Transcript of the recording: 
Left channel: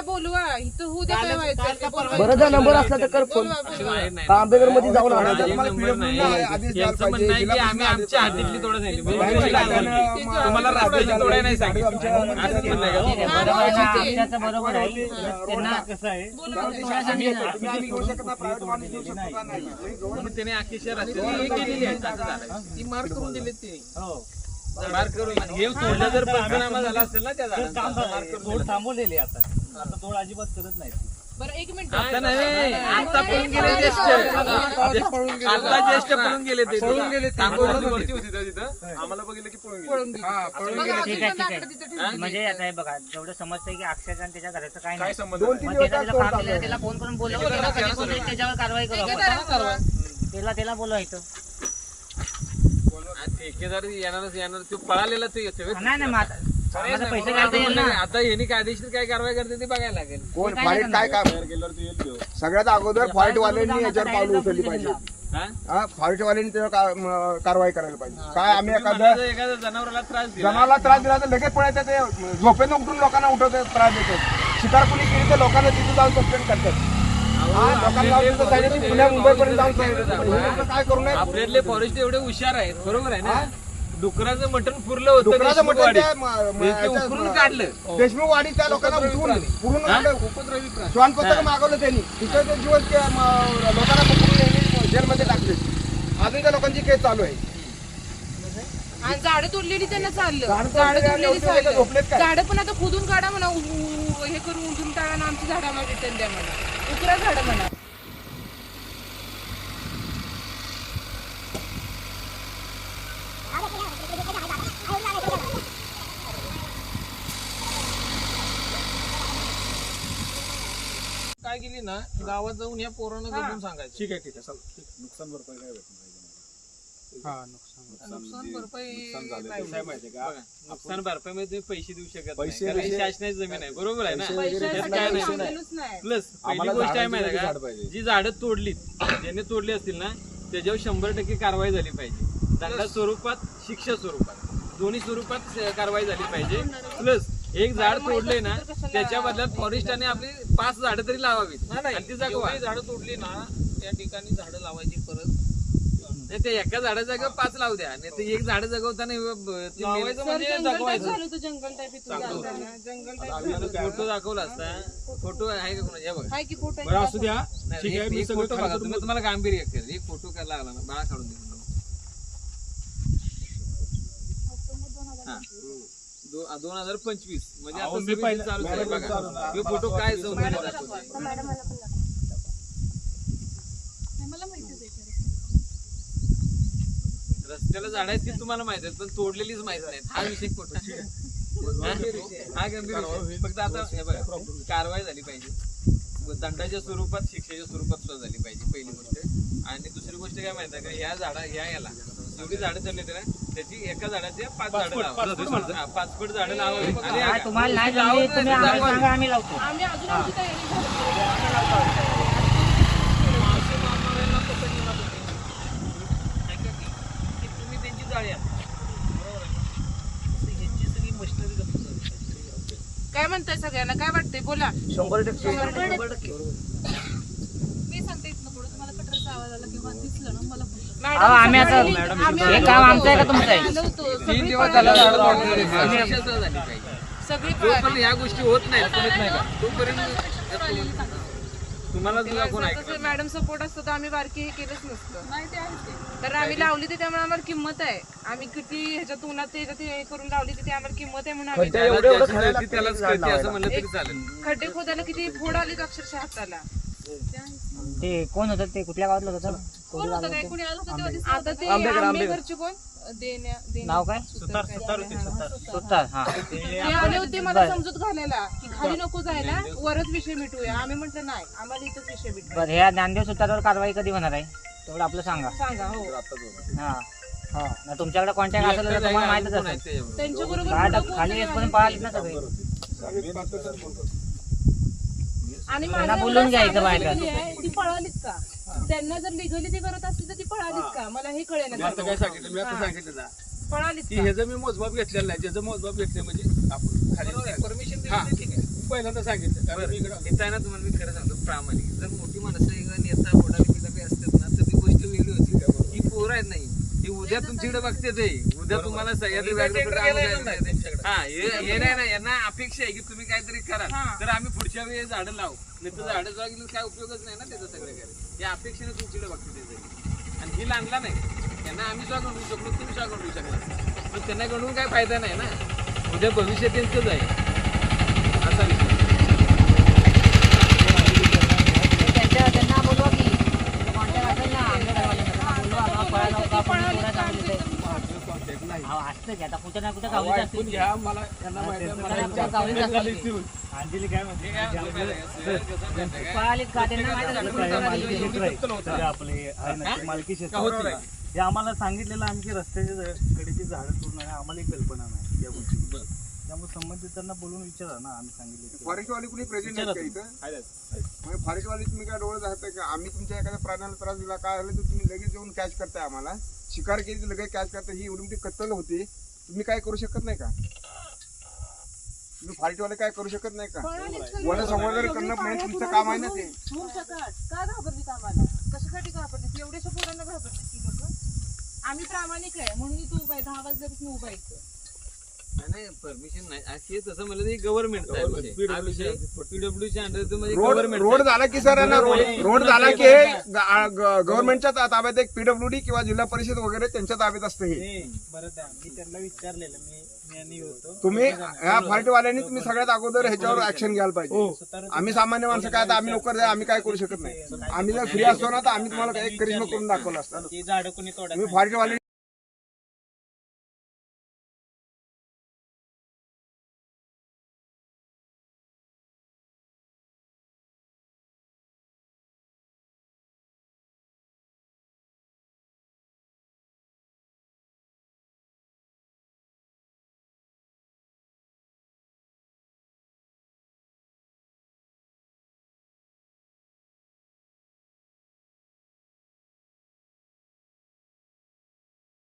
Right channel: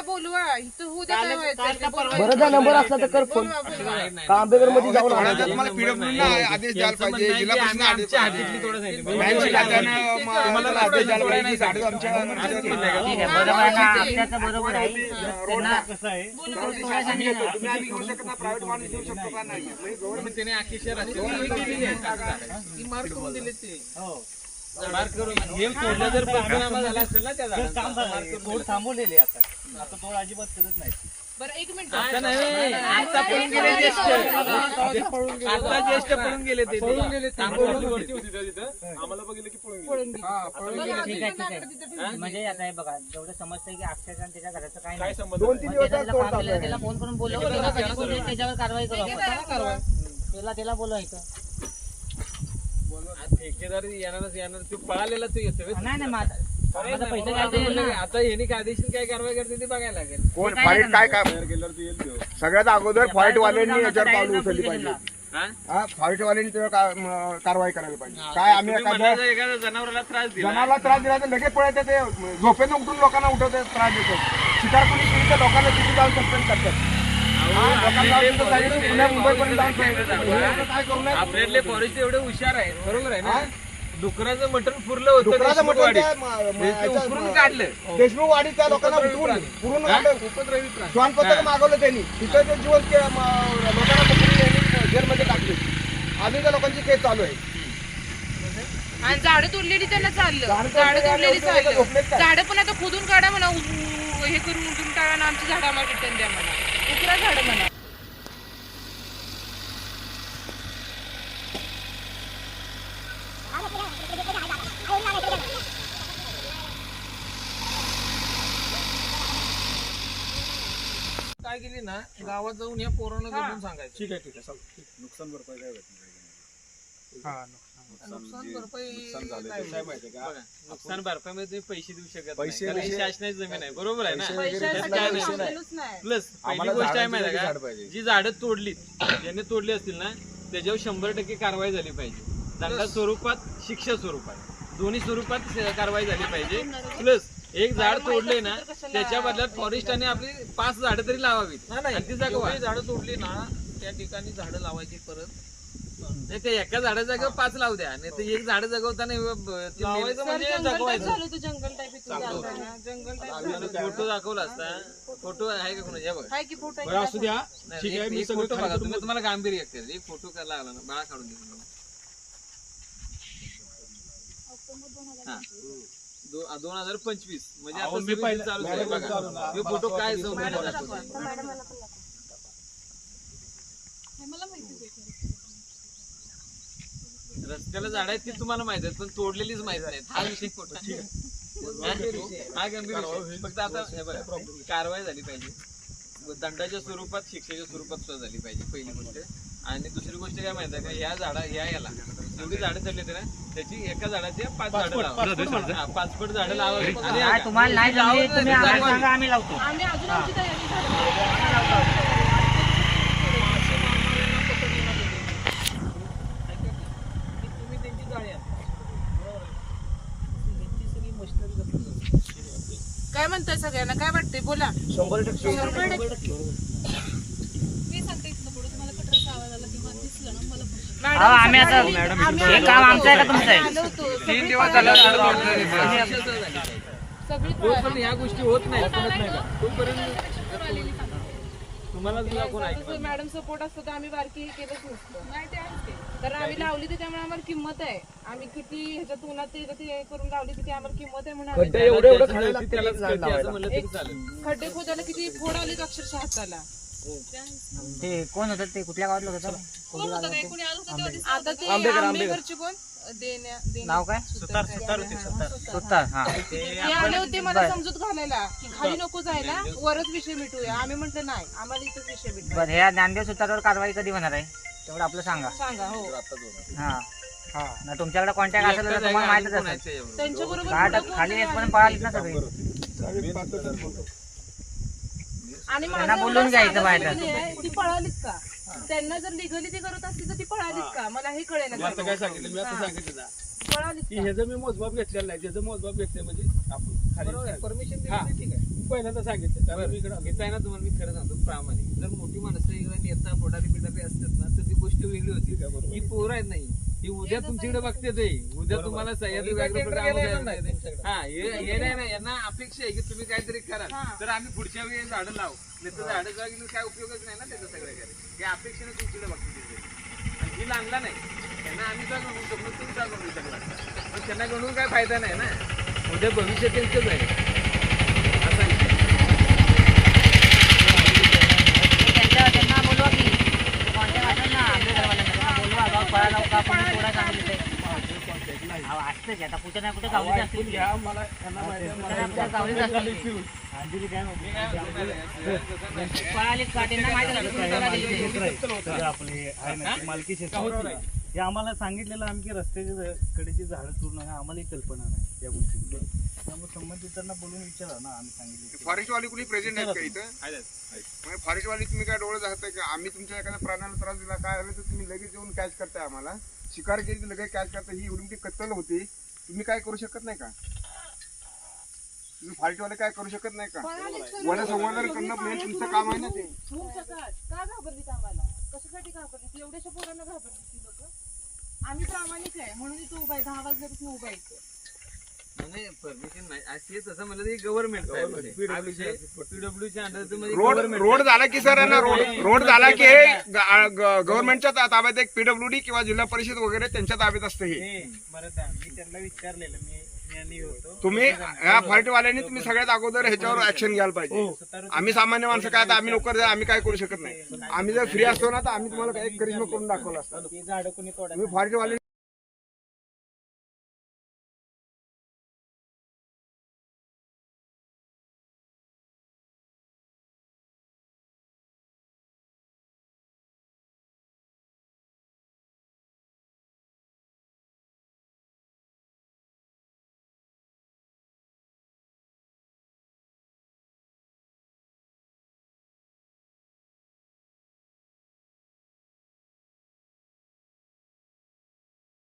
त्याला बोलवा इथं होऊ दे काय व्हायचं. बरं जा नंबर असला तर कर फोन. आंबेकर मध्ये जाऊन आणा त्याला. आदेश द्यायला पाहिजे. आम्ही आमच्या हातीतली तोडा सांगितली तुम्हाला रस्त्याची तोडा नाही सांगितलं. बरोबर आहे. त्यांना कसं आहे म्हणून त्याने अख्खी शहराची केलेली आहे. ती मार्क करून दिले ते मार्क करून हे तोडलं जर पंचनामा झाला असेल ना त्या झाडांचा तोड थांबवलेली आता तोड अजिबात करत नाही. बरं एक मिनिट आता नाही आता पळून गेले ज्येष्ठ आता ज्येष्ठ पळून गेले ते वरती होती तिथं आम्हाला बघितलं की पळून गेले. ठीक आहे म्हणजे आता हे बघा जेवढं समजतंय की अक्षरशः त्याच्या घराचं काही नाही. संबंध 2-3 दिवस त्याला फोन करून बोलवलं त्याच्यावर कारवाई करू. त्याला बोलवायचं ठेकेदार येणार तो पळालेला तो येतो. नाही पैसे आता यांनी कायदेशीर काय कारवाई करते ते बघायला लागेल. कोण फाईट काय सगळ्यात अगोदर फॉल्ट वाल्यांनी याच्यावर पावलं उचलली पाहिजे. फॉल्ट वाल्यांनी त्याच्यावर कारवाई करायला पाहिजे. काय आम्ही एखाद्या जनावराला त्रास दिला जनावराला त्रास दिला तर लगेच पळायचं ते झोपेनं उठून लोकांना उठवते त्रास देतात. शिकार कोणी केली तर लोकांना तिथे जाऊन सस्पेंड करतात. पुण्या मुंबईपर्यंत जाऊन काय करू नये. आपल्यातले फॉरेस्ट एवढे हुशार आहेत बरोबर आहे ना. डुकराचं मटण पुरलं होतं देशमुख उकरून काढलं. देशमुख वाडी त्या लोकांना उठवून पूर्ण श्वानपत्र मागवलं त्यांनी. तिथं जीवन लोकांना पकडून जेलमध्ये टाकले. अजून त्या लोकांची केस चालू आहे. आणि झाडं तोडलेली त्यांना चाललं. झाडं तोडलेली चाललं. झाडं पण आता खोदून काढा म्हणा हे करून उंचून टाळा ना आमची झाडं आम्हाला रिटर्न द्या म्हणा. उकरा झाडं म्हणा. काय केली ना गावात जाऊन या पोरांना जपून सांगायचं. ठीक आहे नुकसान भरपाई काय नुकसान भरपाई नुकसान भरपाईमध्ये पैसे देऊ शकत नाही. शासनाची जमीन आहे बरोबर आहे ना. प्लस पहिली गोष्ट आहे माहिती आहे का जी झाडं तोडली ज्याने तोडली असतील ना त्याच्यावर 100% कारवाई झाली पाहिजे. दंडा स्वरूपात शिक्षा स्वरूपात दोन्ही स्वरूपात कारवाई झाली पाहिजे. प्लस एक झाड तोडले ना त्याच्या बदल्यात फॉरेस्टाने आपली 5 झाडं तरी लावावीत आणि ती जगवा. झाडं तोडली ना त्या ठिकाणी झाडं लावायची परत नाही ते एका झाडा जागेवर 5 लावू द्या. नाही तर एक झाड जगवताना लावायचं म्हणजे जगवायचं. फोटो दाखवला असता. फोटो आहे का कोणाच्या असू द्या. फोटो बघा तुम्ही तुम्हाला गांभीर्य एक फोटो काय लागला ना बाळा काढून देऊ. 2025 म्हणजे आता चालू फोटो काय रस्त्याला झाड आहेत ती तुम्हाला माहित आहेत पण तोडलेलीच माहित नाही. हा विषय खोटा हा गंभीर. फक्त आता हे बघा कारवाई झाली पाहिजे. दंडाच्या स्वरूपात शिक्षेच्या स्वरूपात सुद्धा झाली पाहिजे पहिली गोष्ट. आणि दुसरी गोष्ट काय माहिती आहे का या झाडा याला जेवढी झाडं चालली होती ना त्याची एका झाडाच्या 5 झाडं लावा. 5 फूट झाडं लावावी. तुम्हाला नाही जमली तुम्ही आम्हाला सांगा आम्ही लावतो. आम्ही अजून आमची तयारी झाली. तुम्ही त्यांची जाळी बरोबर आहे ना. ह्यांची सगळी मशिनरी काय म्हणताय सगळ्यांना काय वाटतंय बोला. 100% मी सांगते इथनं पुढे तुम्हाला कटरचा आवाज आला किंवा दिसलं ना मला फोन आम्ही आता हे काम आमचं आहे का तुमचं आहे. 3 दिवस झाले जोपर्यंत या गोष्टी होत नाही तोपर्यंत तुम्हाला कोण ऐकणार. मॅडम सपोर्ट असतं तर आम्ही बारकी हे केलंच नसतं. नाही ते आहेच ते. कारण आम्ही लावली ते त्यामुळे आम्हाला किंमत आहे. आम्ही किती ह्याच्यात उन्हात त्याच्यात हे करून लावली तिथे आम्हाला किंमत आहे म्हणून आम्ही त्यालाच कळते असं म्हणलं तरी चालेल. खड्डे खोदायला किती फोड आली अक्षरशः हाताला. ते कोण होतं ते कुठल्या गावातलं होतं. कोण होतं काय कोणी आलं होतं तेव्हा दिसलं आता ते आंबेघरचे कोण नाव काय सुतार. हा ते आले होते मला समजूत घालायला की खाली नको जायला वरच विषय मिटूया. आम्ही म्हटलं नाही आम्हाला इथंच विषय मिटूया. बरं ह्या नांदेड सुतारावर कारवाई कधी होणार आहे तेवढं आपलं सांगा. सांगा हो. हा ना तुमच्याकडे कॉन्टॅक्ट असेल तर तुम्हाला माहितच असेल. त्यांच्या बरोबर खाली येतपर्यंत पाहत ना सगळे. आणि बोलून जायचं माहिती ती पळालीत का. त्यांना जर लिगली ती करत असली तर ती पळालीत का मला हे कळेल. काय सांगितलं मी आता सांगितलं पळालीत की ह्याचं मी मोजमाप घेतलेलं नाही. ज्याचं मोजमाप घेतलं म्हणजे आपण परमिशन ठीक आहे पहिल्यांदा सांगितलं कारण मी इकडं आलो. इथं आहे ना तुम्हाला मी खरं सांगतो प्रामाणिक जर मोठी माणसं एकदा नेता मोठाली पिठापी असतात ना तर ती गोष्ट वेगळी होती ही पोरं आहेत नाही ही उद्या तुमच्याकडे बघते ते उद्या तुम्हाला सह्याद्री व्याघ्रपीठ हा हे नाही ना यांना अपेक्षा आहे की तुम्ही काहीतरी करा तर आम्ही पुढच्या वेळी झाडं लावू नाही तर झाडं जागी काय उपयोगच नाही ना त्याचा सगळं काय या अपेक्षेने तुमच्याकडे बघते ते आणि ही आणला नाही त्यांना आम्ही का गणवू शकलो तुम्ही का गणवू शकला पण त्यांना गणवून काय फायदा नाही ना उद्या भविष्य त्यांचंच आहे असा विषय त्यांना बोलवा की कॉन्टॅक्ट असेल ना आमच्या घरवाल्यांना बोलवा बाबा फळा नौका आपण पुरा चांगली असते की आता कुठे ना कुठे गावलीच असते ऐकून घ्या मला त्यांना माहिती आहे, मला यांच्या गावलीच झाली असते ती. अंजली काय म्हणते पळाली का त्यांना माहिती झाली आपले मालकी क्षेत्र हे आम्हाला सांगितलेलं आम्ही की रस्त्याच्या कडेची झाडं पूर्ण आहे आम्हाला एक कल्पना नाही या गोष्टी त्यामुळे संबंधितांना बोलून विचारा ना आम्ही सांगितले फॉरेस्टवाली कुणी प्रेझेंट आहेत का इथं फॉरेस्टवाली तुम्ही काय डोळे जाताय का आम्ही तुमच्या एखाद्या प्राण्याला त्रास दिला काय झालं तर तुम्ही लगेच येऊन कॅच करताय आम्हाला शिकार केली तर लगेच कॅच करताय ही एवढी मोठी कत्तल होती तुम्ही काय करू शकत नाही का तुम्ही फॉरेस्टवाले काय करू शकत नाही का वन संवर्धन करणं म्हणजे तुमचं काम आहे ना ते काय घाबरलीत आम्हाला कशासाठी घाबरलीत एवढ्याशा पोरांना घाबरलीत की लोक आम्ही प्रामाणिक आहे म्हणून इथं उभा आहे 10 वाजल्यापासून उभा आहे नाही परमिशन नाही अशी तसं म्हणलं तर गव्हर्नमेंट पीडब्ल्यूच्या अंडर मध्ये रोड झाला की सर ना रोड झाला की हे गव्हर्नमेंटच्या ताब्यात एक पीडब्ल्यूडी किंवा जिल्हा परिषद वगैरे त्यांच्या ताब्यात असतं हे मी त्यांना विचारलेलं मी होतो तुम्ही या फॉरेस्टवाल्यांनी तुम्ही सगळ्यात अगोदर ह्याच्यावर ऍक्शन घ्यायला पाहिजे आम्ही सामान्य माणसं काय आता आम्ही लवकर आम्ही काय करू शकत नाही आम्ही जर फ्री असतो ना तर आम्ही तुम्हाला काही करिश्मा करून दाखवलं असतं झाडं कोणी तोडा तुम्ही फॉरेस्टवाले